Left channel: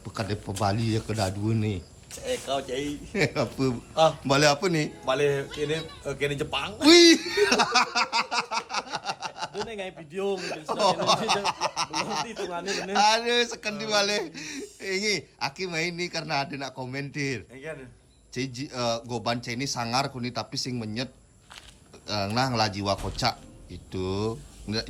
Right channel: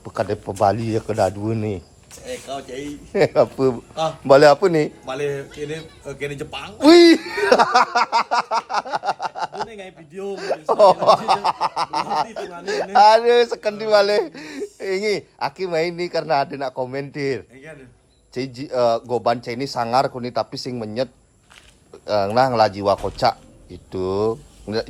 Apa kada Bali ya kada dua nih. Kau cai. Apa? Balik apa nih? Balik kini Jepang. Wih. Ini ngai video itu ini. Aduh, sekendi balik. Ini aki main nih karena ada nak komentir. Cai goban cai ini sangar kuni tapi sing menyet nah ngelajiwa kocak itu.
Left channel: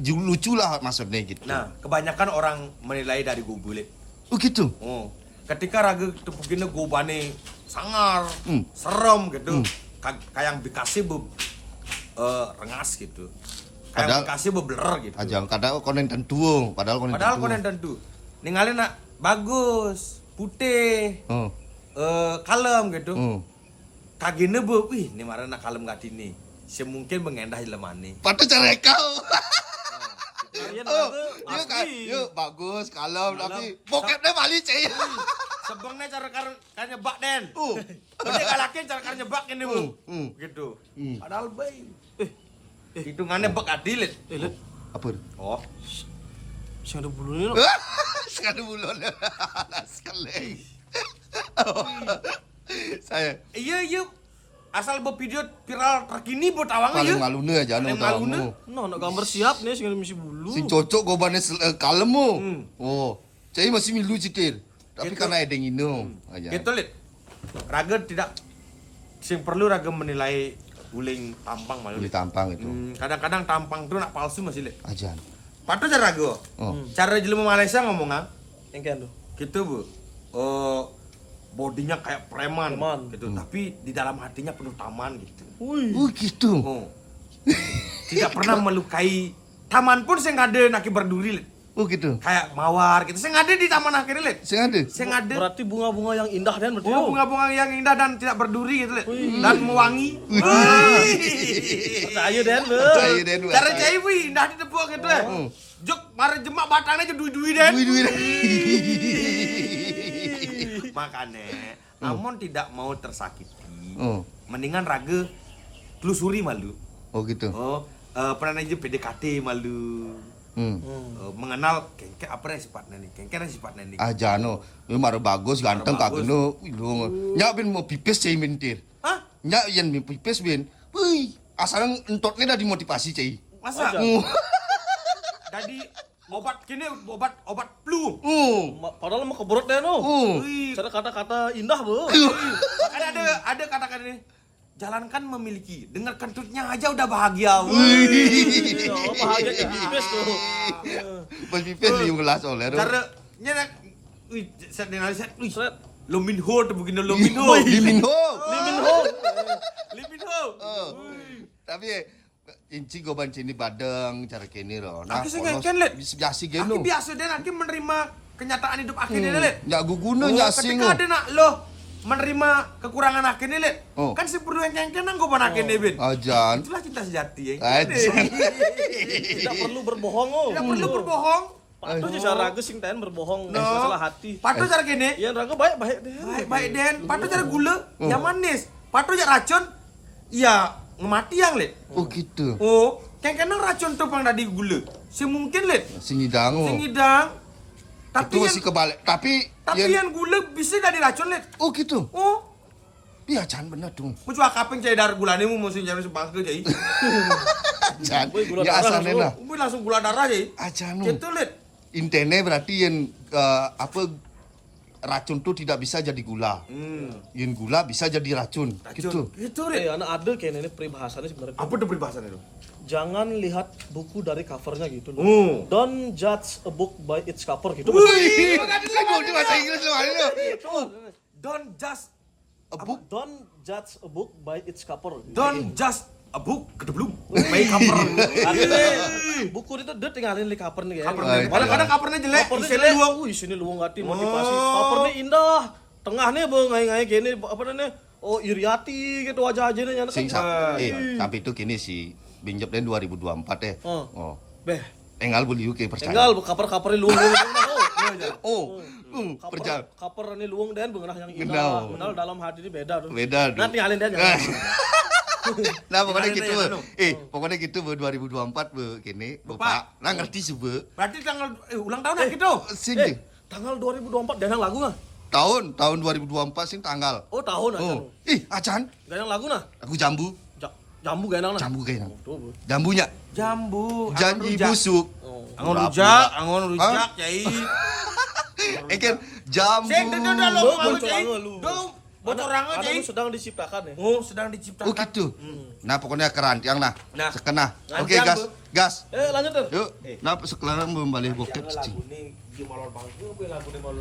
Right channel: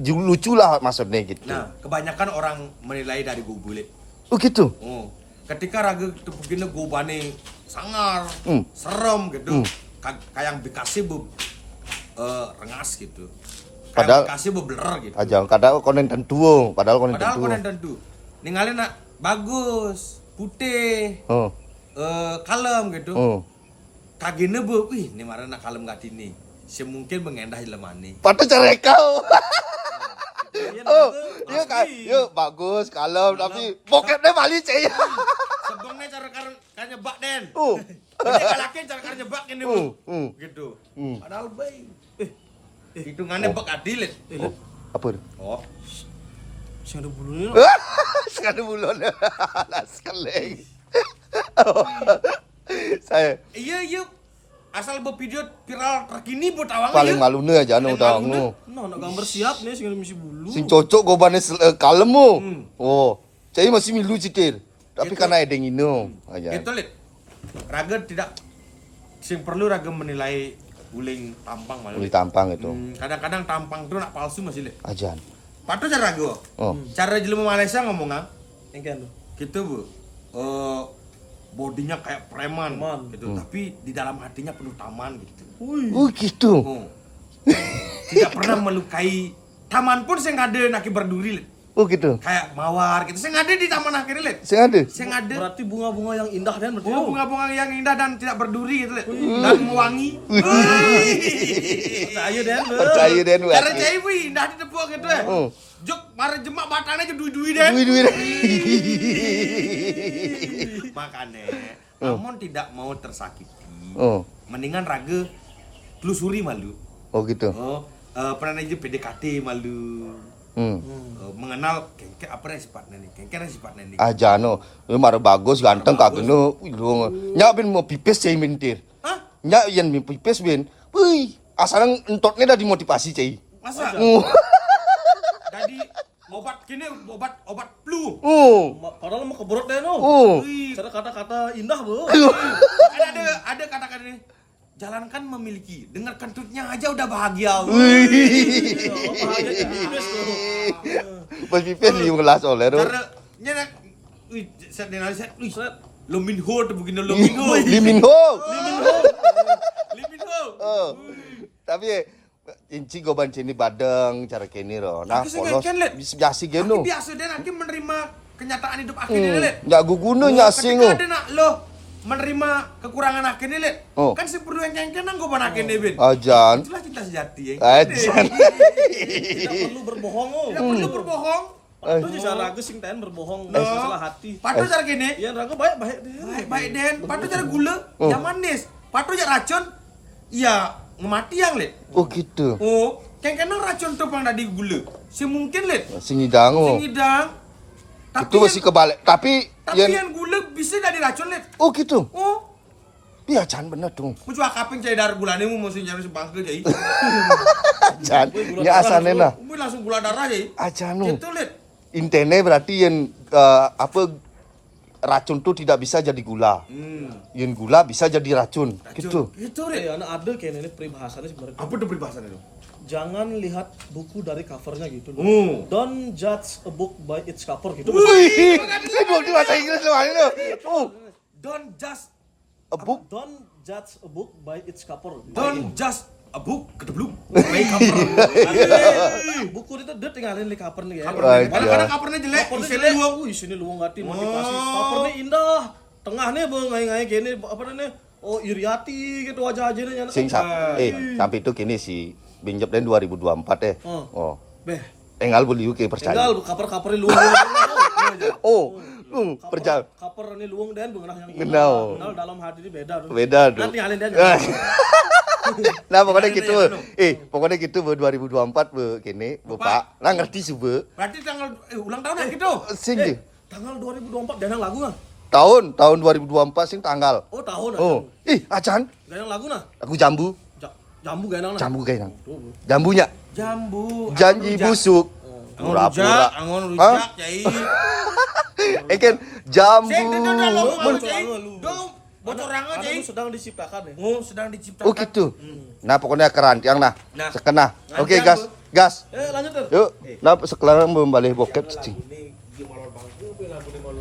Lucu lah maksudnya gitu. Nah, kebanyakan orang menilai dari gubulit. Oh gitu. Oh. Ketika raga tepugina gobane sangar, serem gitu. Kayak Bekasi rengas gitu. Kayak Bekasi beler gitu. Aja kadang konen tentu, padahal konen tentu. Ninggalin nak bagus, putih. Oh. Kalem gitu. Oh. Kagine wih, ini marah nak kalem gak ini. Semungkin mengendah lemani. Patut cara kau. Yuk, bagus kalem tapi pokoknya Bali cai. Sebangnya cara kan nyebak den. Dia galakin cara kan nyebak ini bu. Gitu. Padahal baik. Hitungannya bak adil. Apa? Oh. Sing ada bulunya. Sekali bulan. Sekali. Saya. Iya. Asal video viral terkini buat awang aja. Paling malune aja anu tamu. No, nak gambar siap nih sing ada misi bulu. Sing cocok gobane kalem mo. Oh, cai masih milu citir. Tapi Gitu. karena edeng ino aja. Gitu lit. Raga tidak sing perlu raga menilai uling tampang malu. Ini tampang itu. Kadang-kadang tampang itu nak palsu masih lit. Aja. Patu cara raga. Cara jelema Malaysia ngomong Engken tuh. gitu bu. Bodinya kayak preman gitu, tapi di dalam hatinya penuh taman gitu. Oh gitu. Tidak pernah melukai taman pun saya nggak ada naki berduri. Oh gitu. Kayak mawar gitu. Saya nggak ada di taman akhirnya, Lid. Sing ada. Saya nggak ada. Berarti bunga-bunga yang indah dan berarti. Bunga-bunga yang indah dan tidak berduri gitu, Lid. Dan mewangi. Percaya dan be. Percaya den. Cara cai wih, indah di tepuk gitu ya. Jok mari jemak batangnya dui-dui den. Makanya, namun tidak mau tersakiti. Mendingan raga telusuri malu. Oh gitu. Pernah aja PDKT malu. Mengenal kengke apa sifatnya nih? Kengke sifatnya nih. Aja no. Ini mara bagus ganteng kageno. Nyak bin mau pipis cai mintir. Hah? Nyak yen mau pipis bin. Wih, asalnya entotnya dah dimotivasi cai. Masa? Jadi obat flu. Padahal mah keberot deh no. Wih, Cara kata-kata indah bu. kan ada kata-kata ini. Jalankan memiliki, dengar kentutnya aja udah bahagia. Bahagia jadi bebas tuh. Pas pipis di ngelas oleh. Cara nyenak, wih, saya dengar saya, wih, Lominho tuh begini Lominho. Liminho. Liminho. Tapi inci goban cini badeng cara kini loh. Aki sih ngeken let. Biasa Aki geno. biasa dan aki menerima kenyataan hidup aki ini let. Nggak guguna nggak asing. Ketika ada nak lo menerima kekurangan aki ini let. Kan si perlu yang ngeken nang goban aki ini bin. Ajan. Itulah cinta sejati ya. Ajan. Tidak perlu berbohong oh. Tidak perlu berbohong. Patu aja cara raga sing ten berbohong masalah hati. Patu cara gini. Iya raga baik deh. Baik den. Patu cara gula. Ya manis. Patu cara racun. Ya ngemati yang let. Oh gitu. Oh, kengken nang racun tuh pang tadi gula. Semungkin let. Sing hidang. Sing hidang. Tapi Itu masih kebalik. Tapi yang gula bisa dari racun let. Oh gitu. Oh, Iya Jan bener dong. mu cua kaping cai dar gulane mu mesti nyari sebangke cai. Jan. Gula Ya darah asalnya lah. Mu langsung gula darah cai. Ajan. Gitu let. Intene berarti yang racun tuh tidak bisa jadi gula. Yang gula bisa jadi racun. Gitu. Gitu let. Anak ada kayak ini peribahasannya sebenarnya. Apa tuh peribahasan itu? Jangan lihat buku dari covernya gitu loh. Don't judge a book by its cover gitu. Wih, di bahasa Inggris loh ini. Don't just Don't judge a book by its cover. a book kedebluk. By cover. Buku itu dia tinggalin di cover nih ya. Covernya. Kadang-kadang covernya jelek, Covernya isinya jelek. luang. Wih, sini luang hati motivasi. Covernya indah. Tengahnya ngai-ngai gini apa namanya? Oh, iriati gitu wajah-wajahnya anak. Sampai itu kini si Binjep dan 2024 ya. Oh. Beh, Engal beli UK percaya. tinggal cover-covernya luang. Cover ini luang dan bengenah yang indah. Kenal dalam hati ini beda tuh. Beda tuh. Nanti tinggalin dia. Nah pokoknya gitu. Pokoknya gitu 2024 kini Bapak. Lah ngerti sih, Bu. Berarti tanggal ulang tahun gitu. Sini. Tanggal 2024 ganang lagu nah. Tahun 2024 sing tanggal. Oh, tahun aja. Oh. Ih, acan. Ganang lagu nah. Aku jambu. Jambu ganang nah. Jambu kayaknya. Jambunya. Jambu, Janji busuk. angon rujak, cai. Kan jambu. Sing udah lo Bocor cai. angin lu. Dong, bocor angin Karena cai. lu sedang diciptakan ya. Oh, sedang diciptakan. Oh gitu. Nah pokoknya kerantiang nah. Nah. Sekena. Oke Rantiang, gas. Bu. Gas. Lanjut tuh. Yuk. Nah sekarang belum balik bokep cing. Lagu nih gimana bang? Lagu nih malu.